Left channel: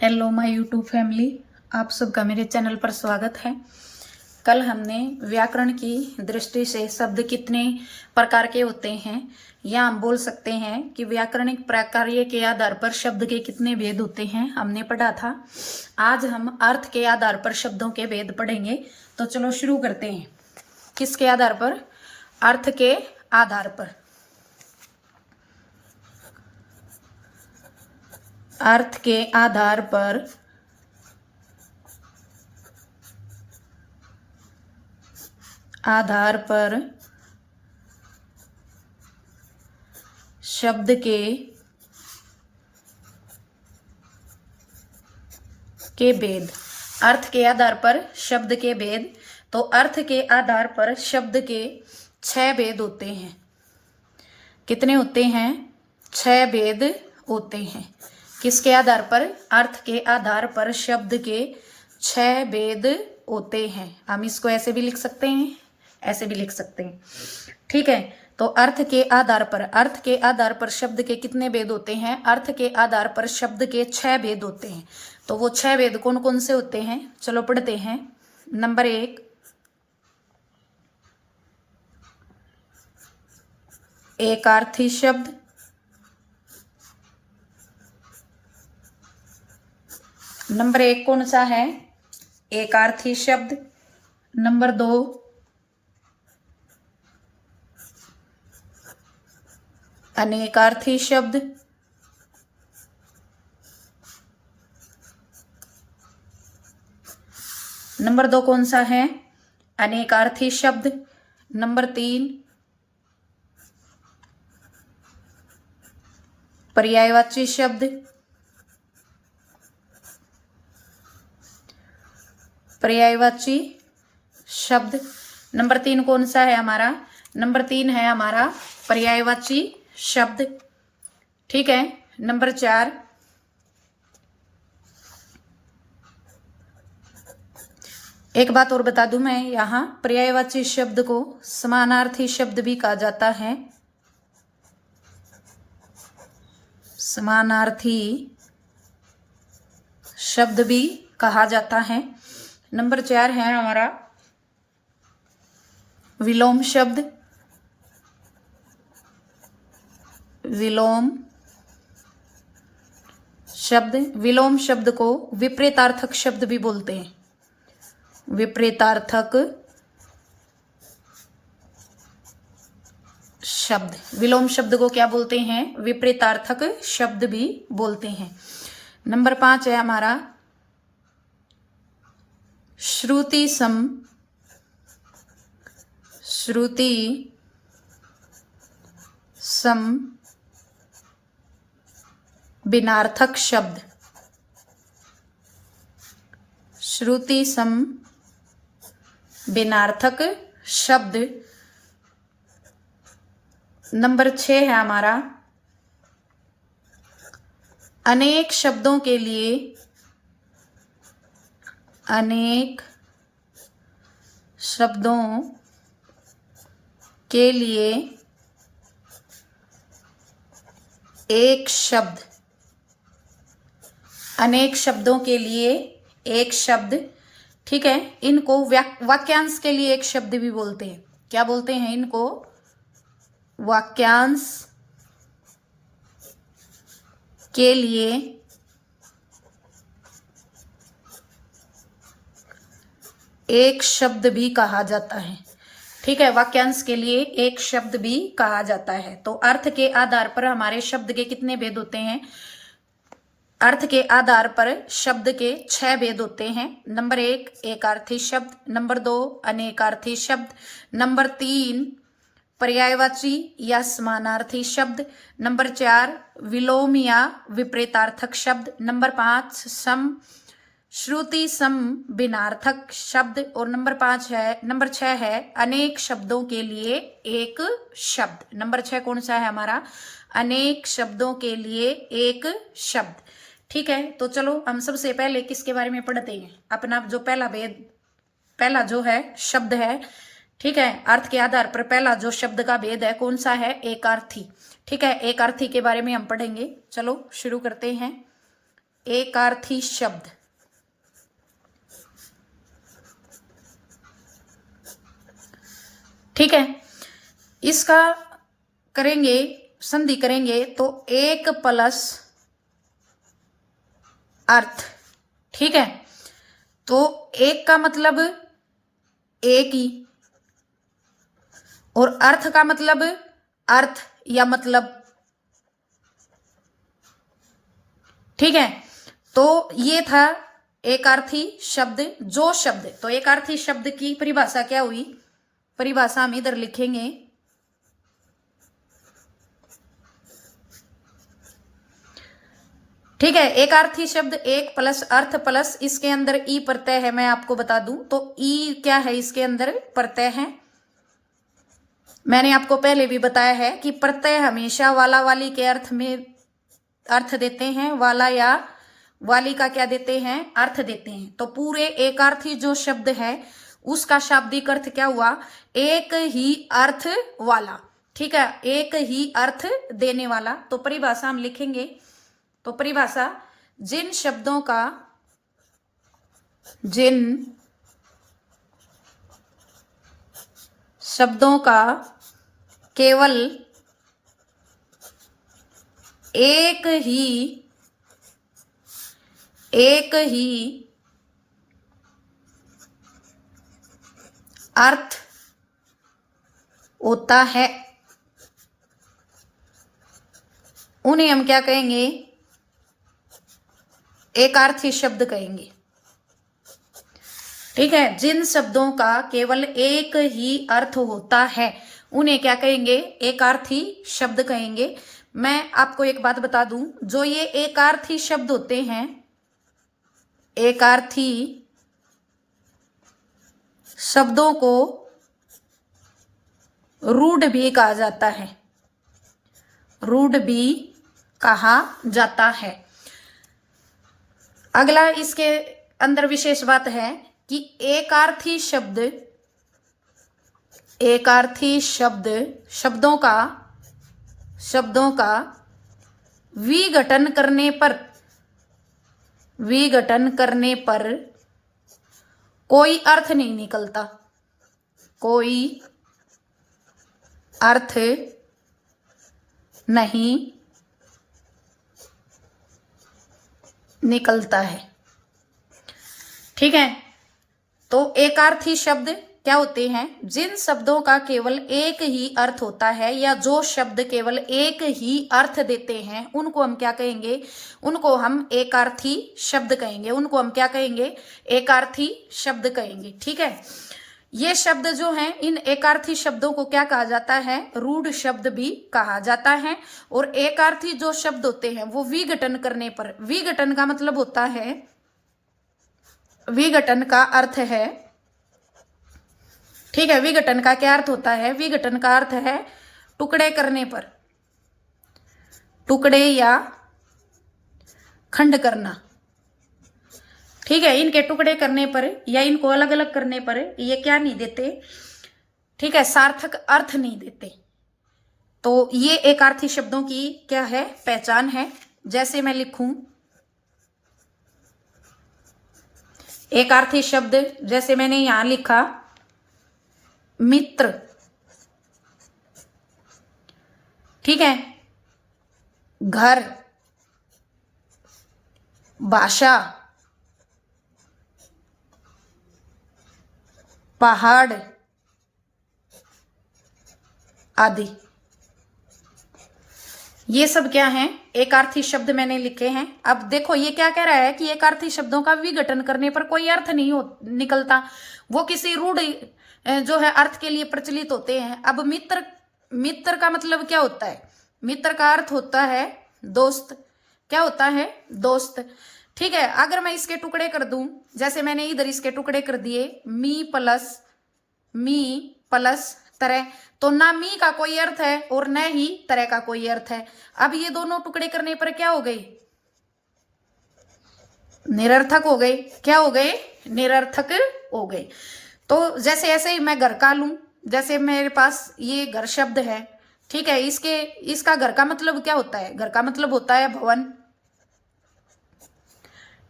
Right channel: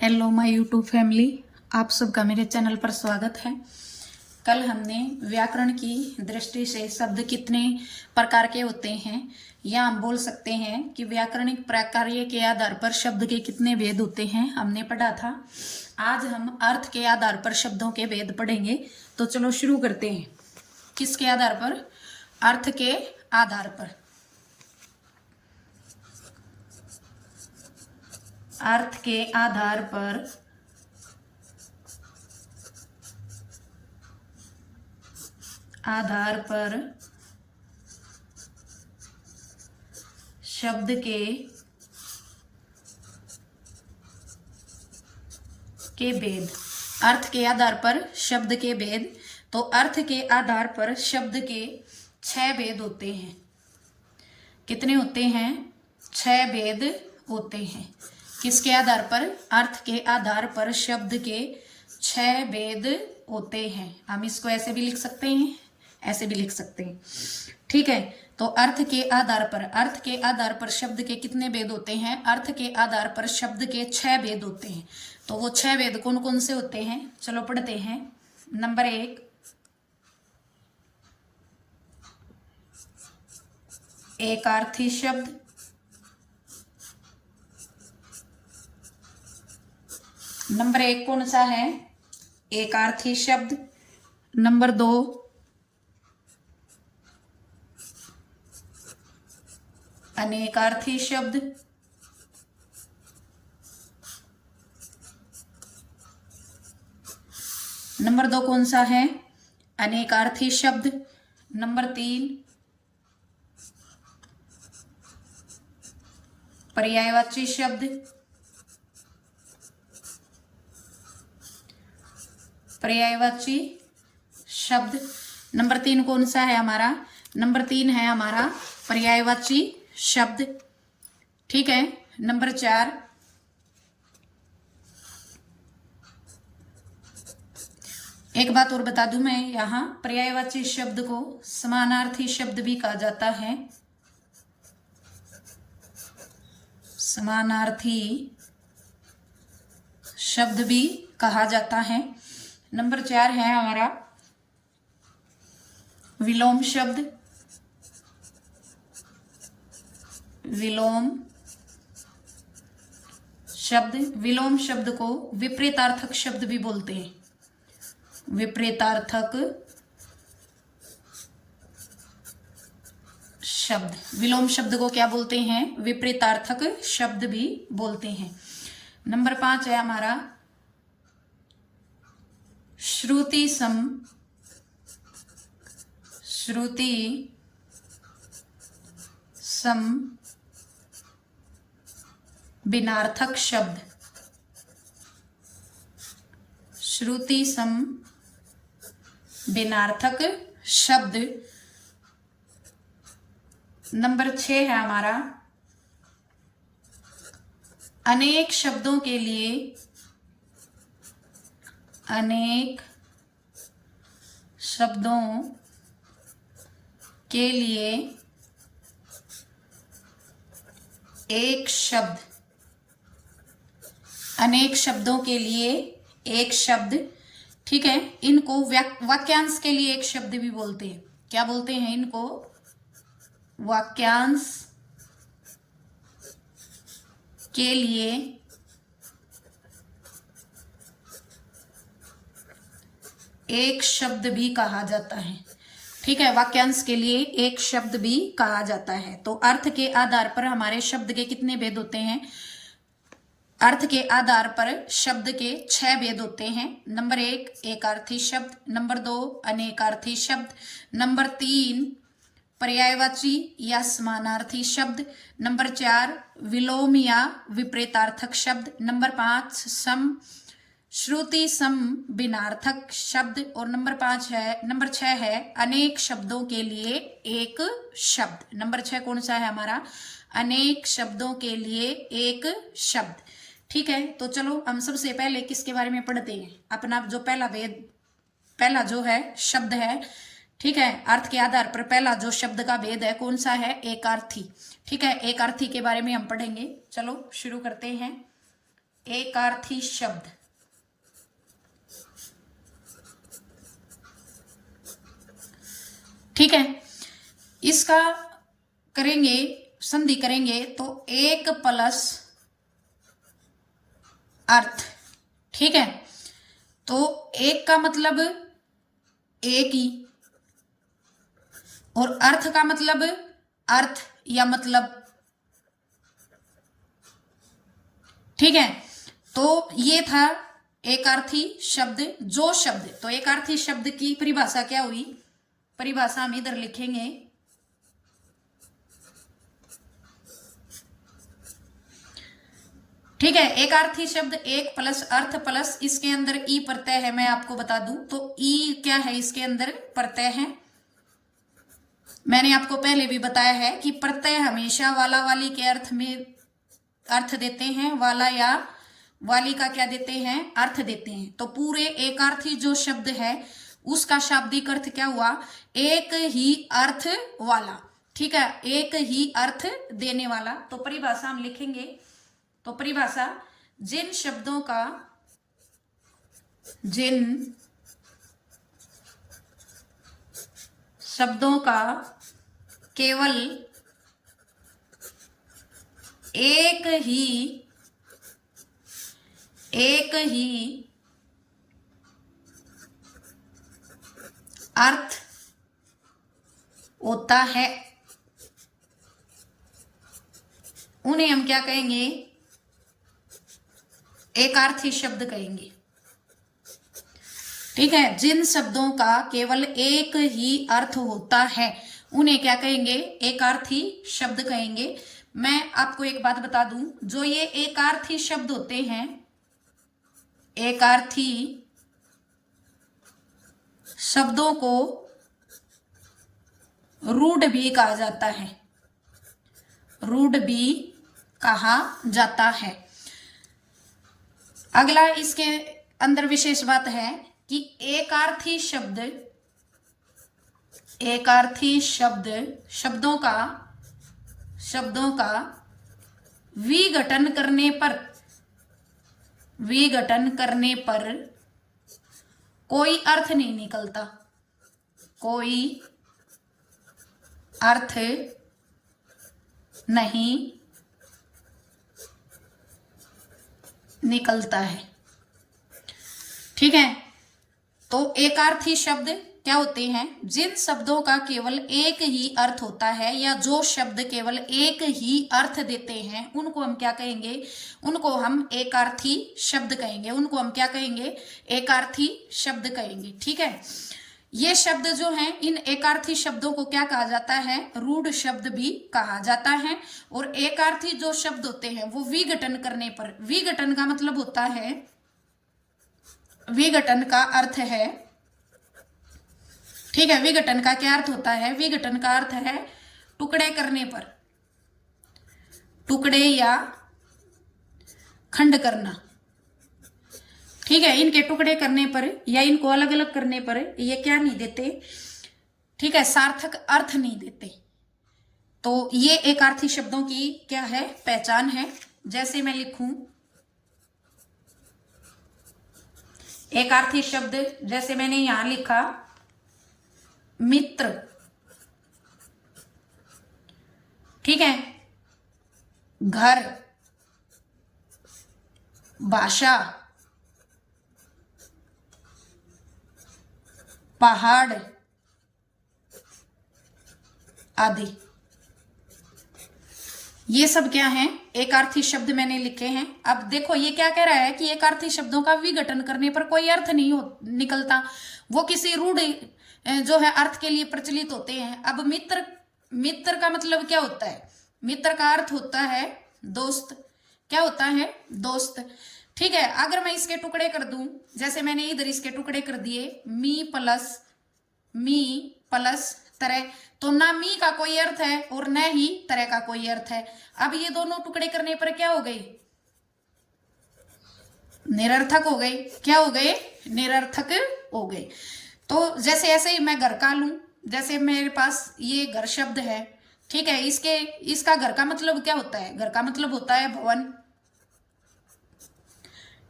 Hello my YouTube family, आप सबका मेरे चैनल पर स्वागत है। कल हमने व्याकरण की दृष्टि से शब्द कितने प्रकार के होते हैं या हम बोल सकते हैं कि व्याकरणिक प्रकार्य के आधार पर शब्द के कितने भेद होते हैं हमने पढ़ा था। आज हम अर्थ के आधार पर शब्दों के भेद पढ़ेंगे। तो चलो शुरू करते हैं। किसके आधार पर? अर्थ के आधार पर। अर्थ के आधार पर शब्द के भेद। अर्थ के आधार पर शब्द के भेद। तो अर्थ के आधार पर शब्द के 6 भेद होते हैं। कितने होते हैं? 6 भेद होते हैं। किसके आधार पर? अर्थ के आधार पर शब्द के 6 भेद होते हैं। हम इसको ऐसे भी लिख सकते हैं, ऐसे भी लिख सकते हैं। ठीक है, तो अर्थ के आधार पर शब्द के कितने भेद होते हैं? अर्थ के आधार पर शब्द के 6 भेद होते हैं। तो वो 6 भेद कौन कौन से होते हैं? चलो पढ़ते हैं। नंबर 1, एकार्थी शब्द। नंबर 1 कौन सा है? एकार्थी शब्द। नंबर 2, अनेकार्थी शब्द। नंबर 2 कौन सा है? अनेकार्थी शब्द। नंबर 3, पर्यायवाची शब्द। पर्यायवाची शब्द। नंबर 3 कौन सा है हमारा? नंबर 3 है हमारा पर्यायवाची शब्द। ठीक है। नंबर 4, एक बात और बता दूं मैं, यहां पर्यायवाची शब्द को समानार्थी शब्द भी कहा जाता है। समानार्थी शब्द भी कहा जाता है। नंबर 4 है हमारा विलोम शब्द। विलोम शब्द। विलोम शब्द को विपरीतार्थक शब्द भी बोलते हैं। विपरीतार्थक शब्द। विलोम शब्द को क्या बोलते हैं? विपरीतार्थक शब्द भी बोलते हैं। नंबर 5 है हमारा श्रुति सम। श्रुति सम भिन्नार्थक शब्द। श्रुति सम भिन्नार्थक शब्द। नंबर 6 है हमारा अनेक शब्दों के लिए, अनेक शब्दों के लिए एक शब्द। अनेक शब्दों के लिए एक शब्द। ठीक है, इनको वाक्यांश के लिए एक शब्द भी बोलते हैं। क्या बोलते हैं इनको? वाक्यांश के लिए एक शब्द भी कहा जाता है। ठीक है, वाक्यांश के लिए एक शब्द भी कहा जाता है। तो अर्थ के आधार पर हमारे शब्द के कितने भेद होते हैं? अर्थ के आधार पर शब्द के 6 भेद होते हैं। नंबर 1, एकार्थी शब्द। नंबर 2, अनेकार्थी शब्द। नंबर 3, पर्यायवाची या समानार्थी शब्द। नंबर 4, विलोम या विपरीतार्थक शब्द। नंबर 5, श्रुति सम भिन्नार्थक शब्द। और नंबर 6 है अनेक शब्दों के लिए एक शब्द। नंबर 6 कौन सा है हमारा? अनेक शब्दों के लिए एक शब्द। ठीक है, तो चलो हम सबसे पहले किसके बारे में पढ़ते हैं? अपना जो पहला जो है शब्द है। ठीक है, अर्थ के आधार पर पहला जो शब्द का भेद है कौन सा है? एकार्थी। ठीक है, एकार्थी के बारे में हम पढ़ेंगे। चलो शुरू करते हैं। एकार्थी शब्द। ठीक है, इसका करेंगे, संधि करेंगे तो एक प्लस अर्थ। ठीक है, तो एक का मतलब एक ही, और अर्थ का मतलब अर्थ या मतलब। ठीक है, तो ये था एकार्थी शब्द। जो शब्द, तो एकार्थी शब्द की परिभाषा क्या हुई, परिभाषा हम इधर लिखेंगे। ठीक है, एकार्थी शब्द एक प्लस अर्थ प्लस इसके अंदर ई प्रत्यय है। मैं आपको बता दूं तो ई क्या है, इसके अंदर प्रत्यय है। मैंने आपको पहले भी बताया है कि प्रत्यय हमेशा वाला वाली के अर्थ में अर्थ देते हैं, वाला या वाली का क्या देते हैं, अर्थ देते हैं। तो पूरे एकार्थी जो शब्द है उसका शाब्दिक अर्थ क्या हुआ, एक ही अर्थ वाला। ठीक है, एक ही अर्थ देने वाला। तो परिभाषा हम लिखेंगे, तो परिभाषा जिन शब्दों का केवल एक ही अर्थ होता है उन्हें हम क्या कहेंगे, एकार्थी शब्द कहेंगे। ठीक है, जिन शब्दों का केवल एक ही अर्थ होता है उन्हें क्या कहेंगे, एकार्थी शब्द कहेंगे। मैं आपको एक बात बता दूं, जो ये एकार्थी शब्द होते हैं, एकार्थी शब्दों को रूढ़ भी कहा जाता है, रूढ़ भी कहा जाता है। अगला इसके अंदर विशेष बात है कि एकार्थी शब्दों का विघटन करने पर कोई अर्थ नहीं निकलता, कोई अर्थ नहीं निकलता है। ठीक है, तो एकार्थी शब्द क्या होते हैं, जिन शब्दों का केवल एक ही अर्थ होता है या जो शब्द केवल एक ही अर्थ देते हैं उनको हम क्या कहेंगे, उनको हम एकार्थी शब्द कहेंगे। उनको हम क्या कहेंगे, एकार्थी शब्द कहेंगे। ठीक है, ये शब्द जो हैं, इन एकार्थी शब्दों को क्या कहा जाता है, रूढ़ शब्द भी कहा जाता है। और एकार्थी जो शब्द होते हैं वो विघटन करने पर, विघटन का मतलब होता है, विघटन का अर्थ है, ठीक है, विघटन का क्या अर्थ होता है, विघटन का अर्थ है टुकड़े करने पर, टुकड़े या खंड करना। ठीक है, इनके टुकड़े करने पर या इनको अलग अलग करने पर ये क्या नहीं देते, ठीक है, सार्थक अर्थ नहीं देते। तो ये एकार्थी शब्दों की क्या है, पहचान है। जैसे मैं लिखूं एकार्थी शब्द, जैसे मैंने यहां लिखा मित्र। ठीक है, घर, भाषा, पहाड़ आदि, ये सब क्या हैं, एकार्थी शब्द मैंने लिखे हैं। अब देखो ये क्या कह रहा है कि एकार्थी शब्दों का विघटन करने पर कोई अर्थ नहीं निकलता, वो किसी रूढ़ जो है अर्थ के लिए प्रचलित होते हैं। अब मित्र का मतलब क्या होता है, मित्र का अर्थ होता है दोस्त। क्या होता है, दोस्त। ठीक है, अगर मैं इसके टुकड़े कर दूं, जैसे मैंने इधर इसके टुकड़े कर दिए, मी प्लस तरह, तो ना मी का कोई अर्थ है और न ही तरह का कोई अर्थ है। अब ये दोनों टुकड़े करने पर क्या हो गई, निरर्थक हो गए। क्या हो गए, निरर्थक हो गए। तो जैसे ऐसे ही मैं घर का लूं, जैसे मेरे पास ये घर शब्द है, ठीक है, इसका घर का मतलब क्या होता है, घर का मतलब होता है भवन।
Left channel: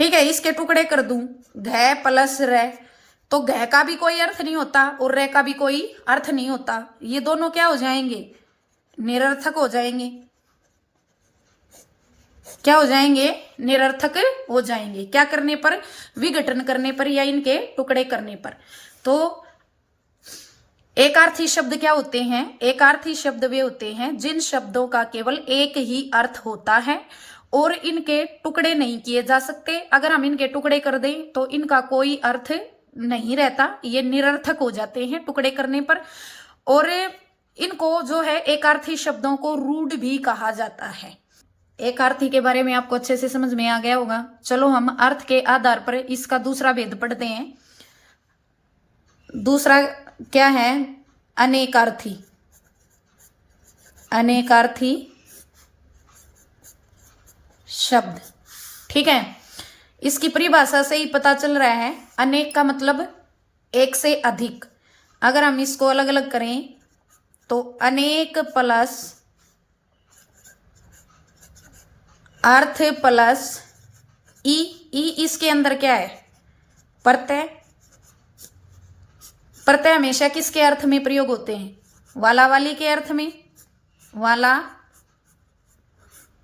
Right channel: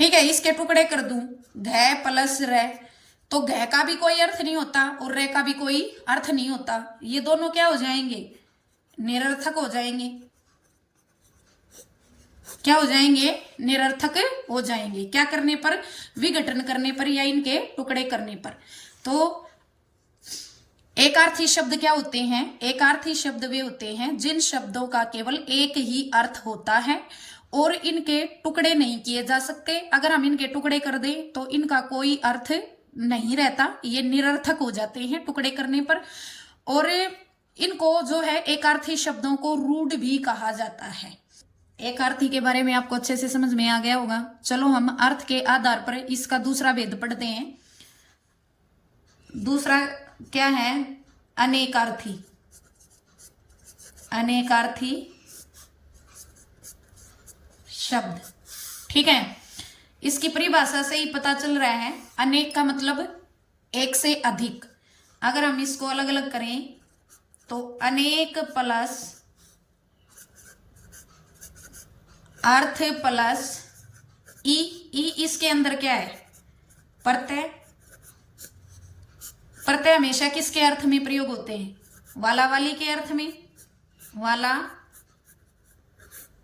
ठीक है, इसके टुकड़े कर दूं, घ प्लस र, तो घ का भी कोई अर्थ नहीं होता और र का भी कोई अर्थ नहीं होता। ये दोनों क्या हो जाएंगे? निरर्थक हो जाएंगे। क्या हो जाएंगे? निरर्थक हो जाएंगे। क्या करने पर? विघटन करने पर या इनके टुकड़े करने पर। तो एकार्थी शब्द क्या होते हैं? एकार्थी शब्द वे होते हैं जिन शब्दों का केवल एक ही अर्थ होता है और इनके टुकड़े नहीं किए जा सकते। अगर हम इनके टुकड़े कर दें तो इनका कोई अर्थ नहीं रहता, ये निरर्थक हो जाते हैं टुकड़े करने पर। और इनको जो है एकार्थी शब्दों को रूढ़ भी कहा जाता है। एकार्थी के बारे में आपको अच्छे से समझ में आ गया होगा। चलो हम अर्थ के आधार पर इसका दूसरा भेद पढ़ते हैं। दूसरा क्या है? अनेकार्थी। अनेकार्थी शब्द। ठीक है, इसकी परिभाषा से ही पता चल रहा है। अनेक का मतलब एक से अधिक। अगर हम इसको अलग अलग करें तो अनेक प्लस अर्थ प्लस ई। ई इसके अंदर क्या है? प्रत्यय। प्रत्यय हमेशा किसके अर्थ में प्रयोग होते हैं? वाला वाली के अर्थ में। वाला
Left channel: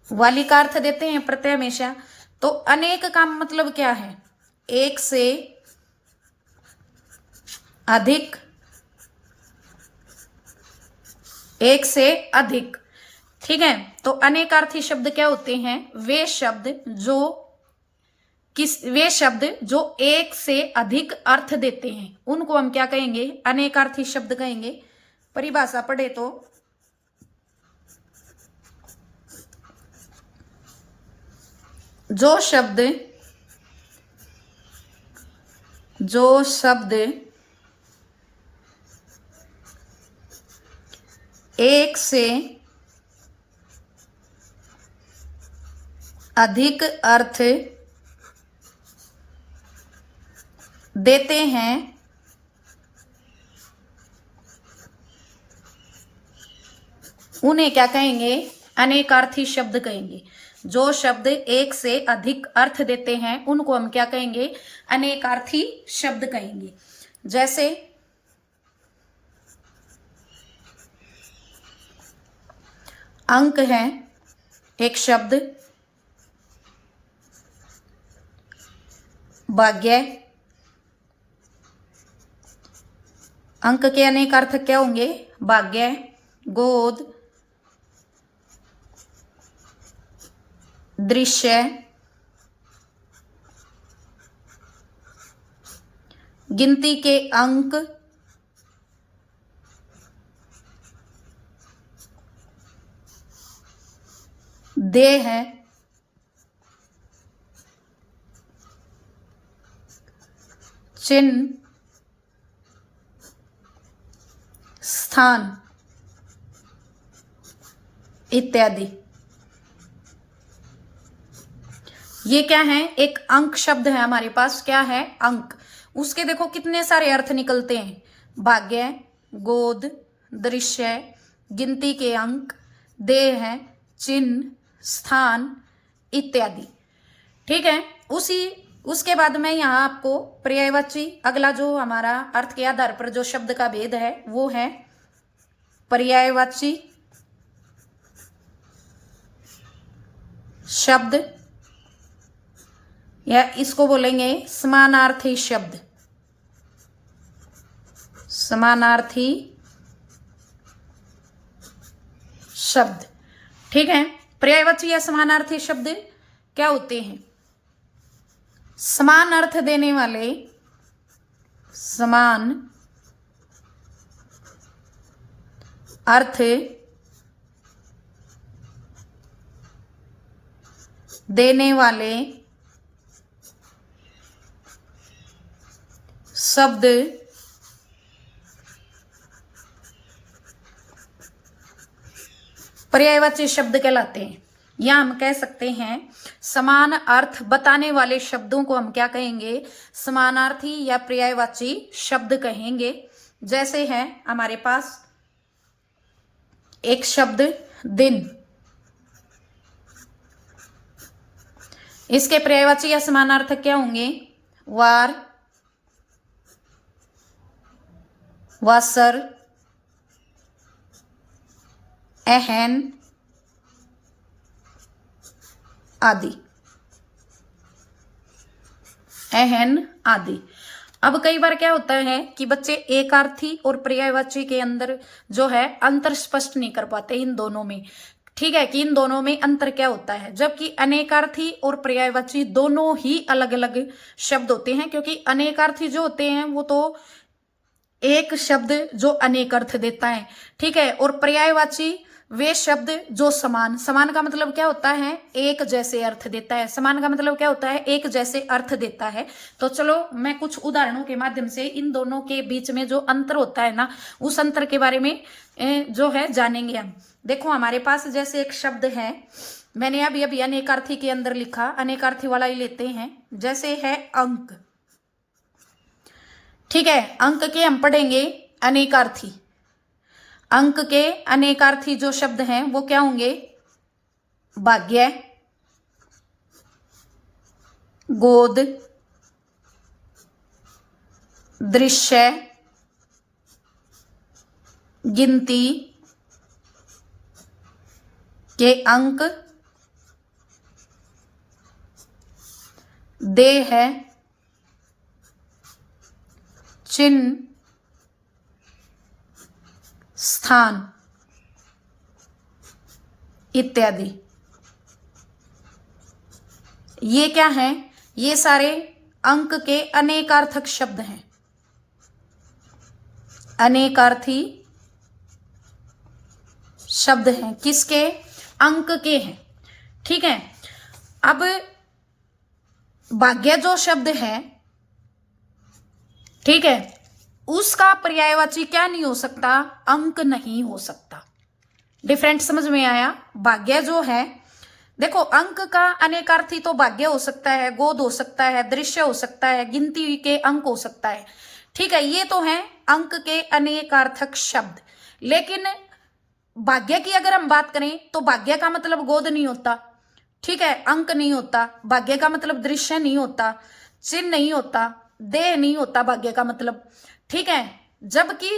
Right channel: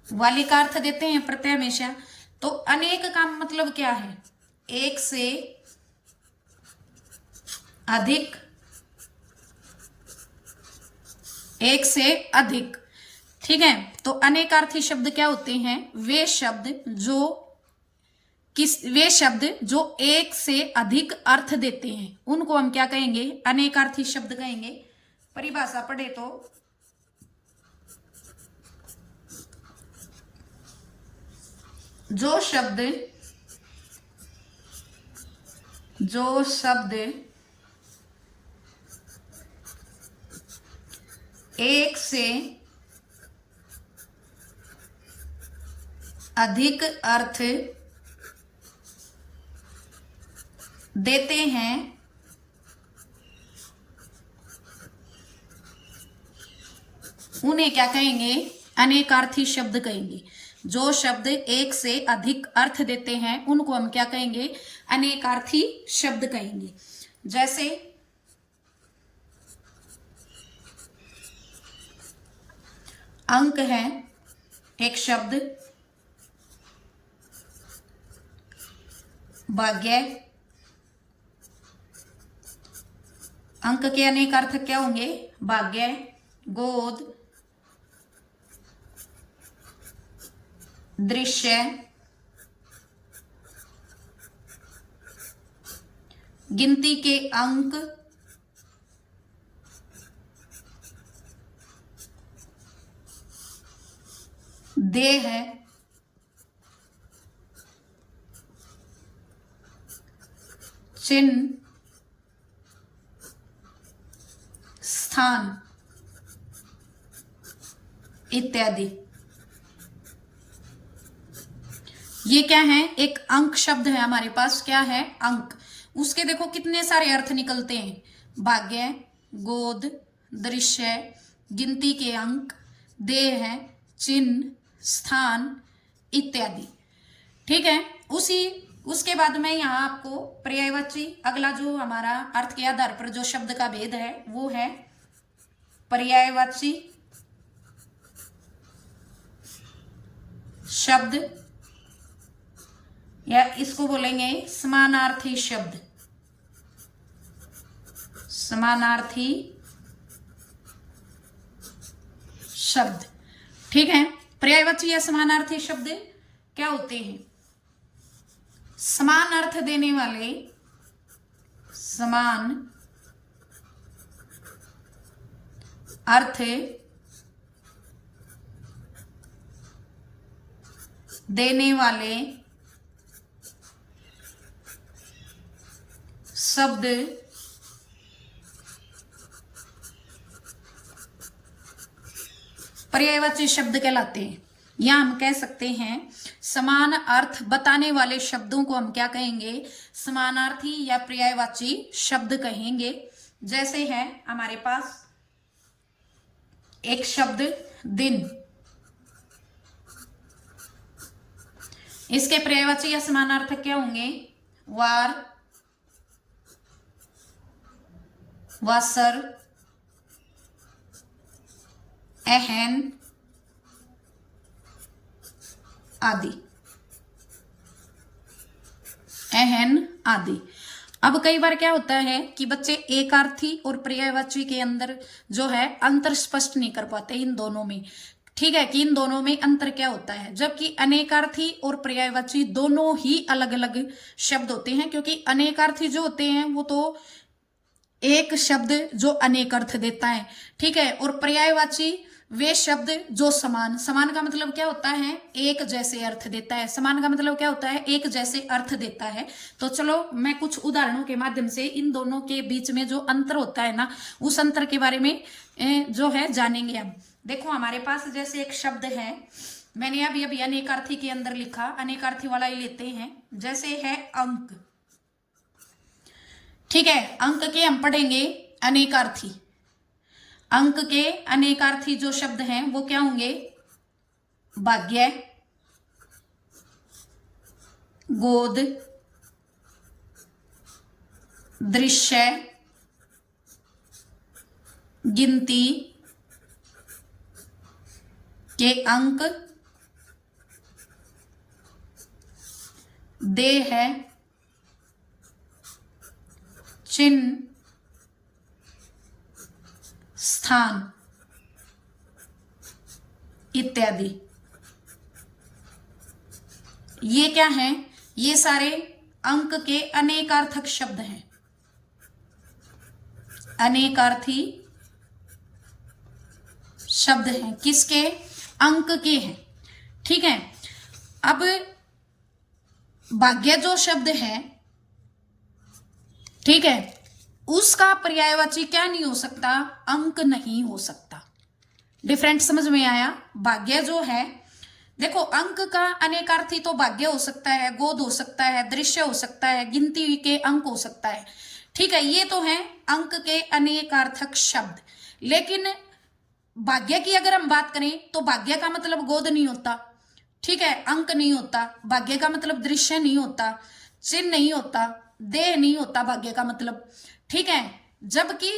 वाली का अर्थ देते हैं प्रत्यय हमेशा। तो अनेक का मतलब क्या है? एक से अधिक। एक से अधिक। ठीक है, तो अनेकार्थी शब्द क्या होते हैं? वे शब्द जो एक से अधिक अर्थ देते हैं उनको हम क्या कहेंगे? अनेकार्थी शब्द कहेंगे। परिभाषा पढ़े तो जो शब्द एक से अधिक अर्थ देते हैं उन्हें क्या कहेंगे? अनेकार्थी शब्द कहेंगे। जो शब्द एक से अधिक अर्थ देते हैं उनको हम क्या कहेंगे? अनेकार्थी शब्द कहेंगे। जैसे अंक है एक शब्द, भाग्य। अंक के अनेक अर्थ क्या होंगे? भाग्य, गोद, दृश्य, गिनती के अंक, देह है, चिन्ह, स्थान इत्यादि। ये क्या है? एक अंक शब्द है हमारे पास। क्या है? अंक। उसके देखो कितने सारे अर्थ निकलते हैं। भाग्य, गोद, दृश्य, गिनती के अंक, देह है, चिन्ह, स्थान इत्यादि। ठीक है, उसके बाद में यहाँ आपको पर्यायवाची, अगला जो हमारा अर्थ के आधार पर जो शब्द का भेद है वो है पर्यायवाची शब्द, या इसको बोलेंगे समानार्थी शब्द। समानार्थी शब्द। ठीक है, पर्यायवाची या समानार्थी शब्द क्या होते हैं? समान अर्थ देने वाले, समान अर्थ देने वाले शब्द पर्यायवाची शब्द कहलाते हैं। या हम कह सकते हैं समान अर्थ बताने वाले शब्दों को हम क्या कहेंगे? समानार्थी या पर्यायवाची शब्द कहेंगे। जैसे है हमारे पास एक शब्द दिन। इसके पर्यायवाची या समानार्थक क्या होंगे? वार, वासर, एहन आदि, एहन आदि। अब कई बार क्या होता है कि बच्चे एकार्थी और पर्यायवाची के अंदर जो है अंतर स्पष्ट नहीं कर पाते इन दोनों में। ठीक है, कि इन दोनों में अंतर क्या होता है, जबकि अनेकार्थी और पर्यायवाची दोनों ही अलग अलग शब्द होते हैं, क्योंकि अनेकार्थी जो होते हैं वो तो एक शब्द जो अनेक अर्थ देता है। ठीक है, और पर्यायवाची वे शब्द जो समान, समान का मतलब क्या होता है? एक जैसे अर्थ देता है। समान का मतलब क्या होता है? एक जैसे अर्थ देता है। तो चलो मैं कुछ उदाहरणों के माध्यम से इन दोनों के बीच में जो अंतर होता है ना, उस अंतर के बारे में जो है जानेंगे हम। देखो हमारे पास जैसे एक शब्द है, मैंने अभी अभी अनेकार्थी के अंदर लिखा, अनेकार्थी वाला ही लेते हैं, जैसे है अंक। ठीक है, अंक के हम पढ़ेंगे अनेकार्थी। अंक के अनेकार्थी जो शब्द हैं वो क्या होंगे? भाग्य, गोद, दृश्य, गिनती के अंक, देह, चिन्ह, स्थान इत्यादि। ये क्या है? ये सारे अंक के अनेकार्थक शब्द हैं, अनेकार्थी शब्द हैं। किसके? अंक के हैं। ठीक है, अब भाग्य जो शब्द है, ठीक है, उसका पर्यायवाची क्या नहीं हो सकता? अंक नहीं हो सकता। डिफरेंट समझ में आया? भाग्य जो है, देखो अंक का अनेकार्थी तो भाग्य हो सकता है, गोद हो सकता है, दृश्य हो सकता है, गिनती के अंक हो सकता है। ठीक है, ये तो है अंक के अनेकार्थक शब्द। लेकिन भाग्य की अगर हम बात करें तो भाग्य का मतलब गोद नहीं होता। ठीक है, अंक नहीं होता। भाग्य का मतलब दृश्य नहीं होता, चिन्ह नहीं होता, देह नहीं होता भाग्य का मतलब। ठीक है, जबकि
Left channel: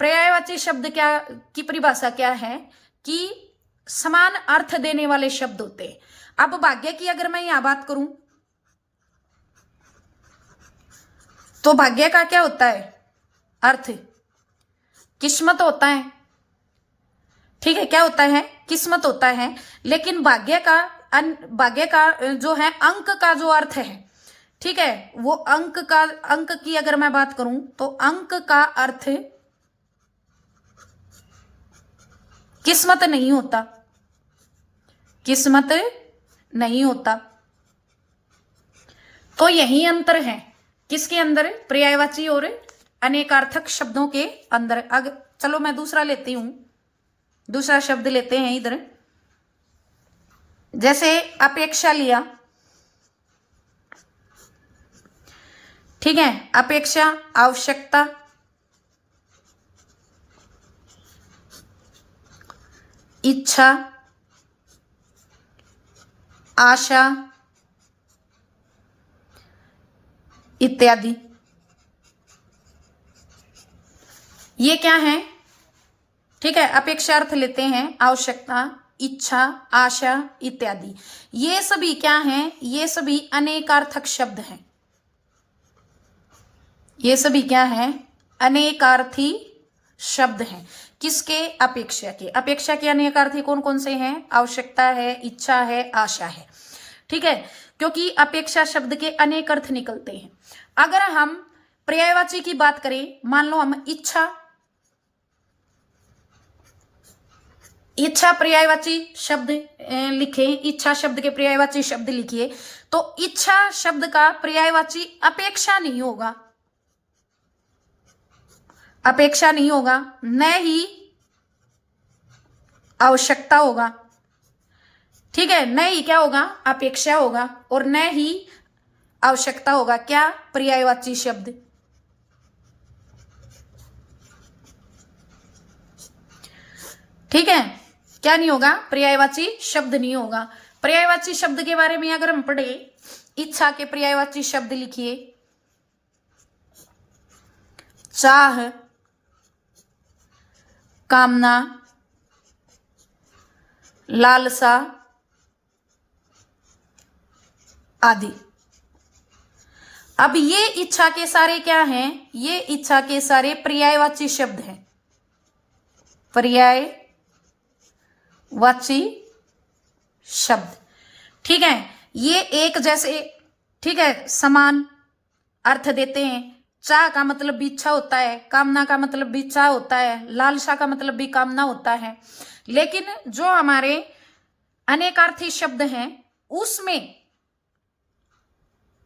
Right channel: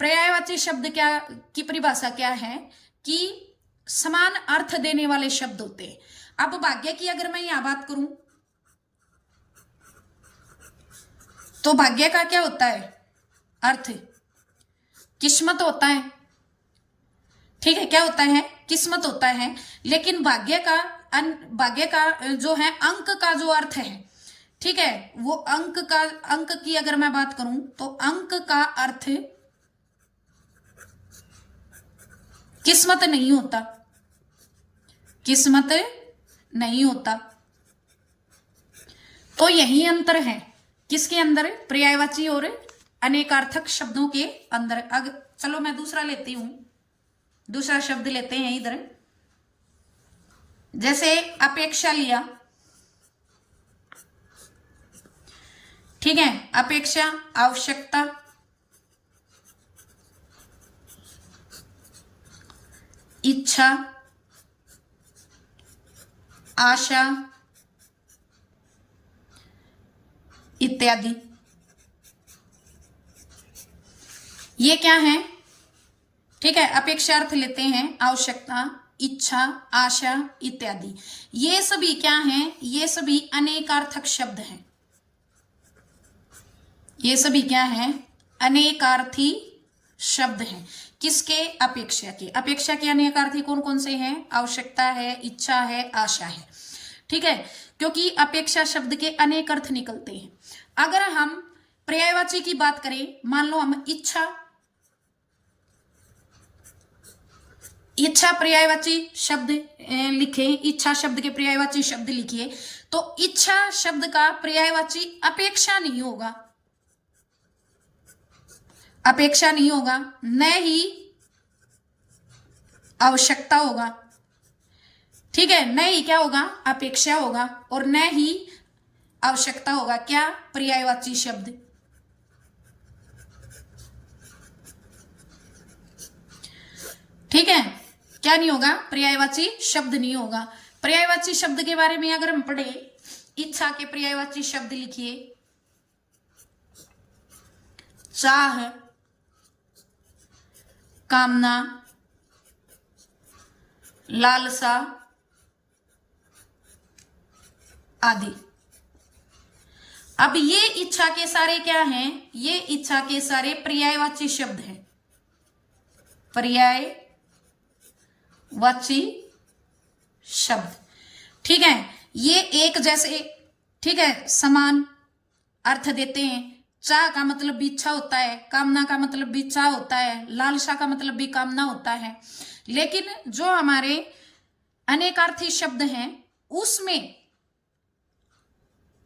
पर्यायवाची शब्द क्या की परिभाषा क्या है? कि समान अर्थ देने वाले शब्द होते हैं। अब भाग्य की अगर मैं यहां बात करूं तो भाग्य का क्या होता है? अर्थ किस्मत होता है। ठीक है, क्या होता है? किस्मत होता है। लेकिन भाग्य का जो है अंक का जो अर्थ है, ठीक है, वो अंक की अगर मैं बात करूं तो अंक का अर्थ किस्मत नहीं होता, किस्मत नहीं होता। तो यही अंतर है किसके अंदर? पर्यायवाची और अनेकार्थक शब्दों के अंदर। अगर चलो मैं दूसरा लेती हूं, दूसरा शब्द लेते हैं इधर, जैसे अपेक्षा लिया। ठीक है, अपेक्षा, आवश्यकता, इच्छा, आशा इत्यादि। ये क्या है? ठीक है, अपेक्षा अर्थ लेते हैं, आवश्यकता, इच्छा, आशा इत्यादि। ये सभी क्या हैं? ये सभी अनेकार्थक शब्द हैं। ये सभी क्या हैं? अनेकार्थी शब्द हैं। किसके? अपेक्षा के। अपेक्षा के अनेकार्थी कौन कौन से हैं? आवश्यकता है, इच्छा है, आशा है। ठीक है, क्योंकि अपेक्षा शब्द के अनेक अर्थ निकलते हैं। अगर हम पर्यायवाची की बात करें, मान लो हम इच्छा पर्यायवाची शब्द लिखे, इच्छा शब्द के पर्यायवाची शब्द लिखिए, तो इच्छा शब्द का पर्यायवाची अपेक्षा नहीं होगा, अपेक्षा नहीं होगा, न ही आवश्यकता होगा। ठीक है, न ही क्या होगा? अपेक्षा होगा, और न ही आवश्यकता होगा। क्या? पर्यायवाची शब्द। ठीक है, क्या नहीं होगा? पर्यायवाची शब्द नहीं होगा। पर्यायवाची शब्द के बारे में अगर हम पढ़े, इच्छा के पर्यायवाची शब्द लिखिए, चाह, कामना, लालसा आदि। अब ये इच्छा के सारे क्या हैं? ये इच्छा के सारे पर्यायवाची शब्द हैं, पर्यायवाची शब्द। ठीक है, ये एक जैसे, ठीक है, समान अर्थ देते हैं। चाह का मतलब भी इच्छा होता है, कामना का मतलब भी चाह होता है, लालसा का मतलब भी कामना होता है। लेकिन जो हमारे अनेकार्थी शब्द हैं उसमें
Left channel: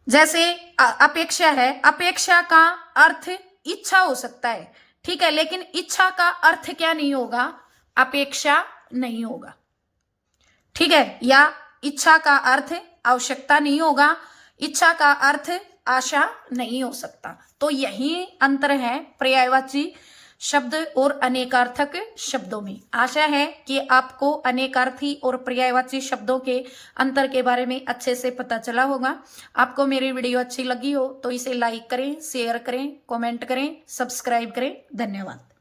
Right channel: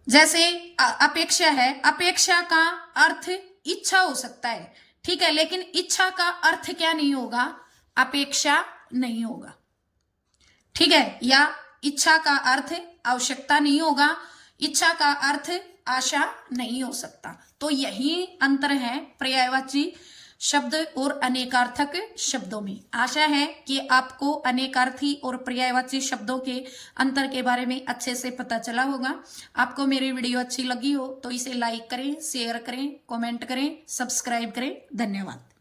जैसे अपेक्षा है, अपेक्षा का अर्थ इच्छा हो सकता है, ठीक है, लेकिन इच्छा का अर्थ क्या नहीं होगा? अपेक्षा नहीं होगा, ठीक है, या इच्छा का अर्थ आवश्यकता नहीं होगा, इच्छा का अर्थ आशा नहीं हो सकता। तो यही अंतर है पर्यायवाची शब्द और अनेकार्थक शब्दों में। आशा है कि आपको अनेकार्थी और पर्यायवाची शब्दों के अंतर के बारे में अच्छे से पता चला होगा। आपको मेरी वीडियो अच्छी लगी हो तो इसे लाइक करें, शेयर करें, कमेंट करें, सब्सक्राइब करें। धन्यवाद।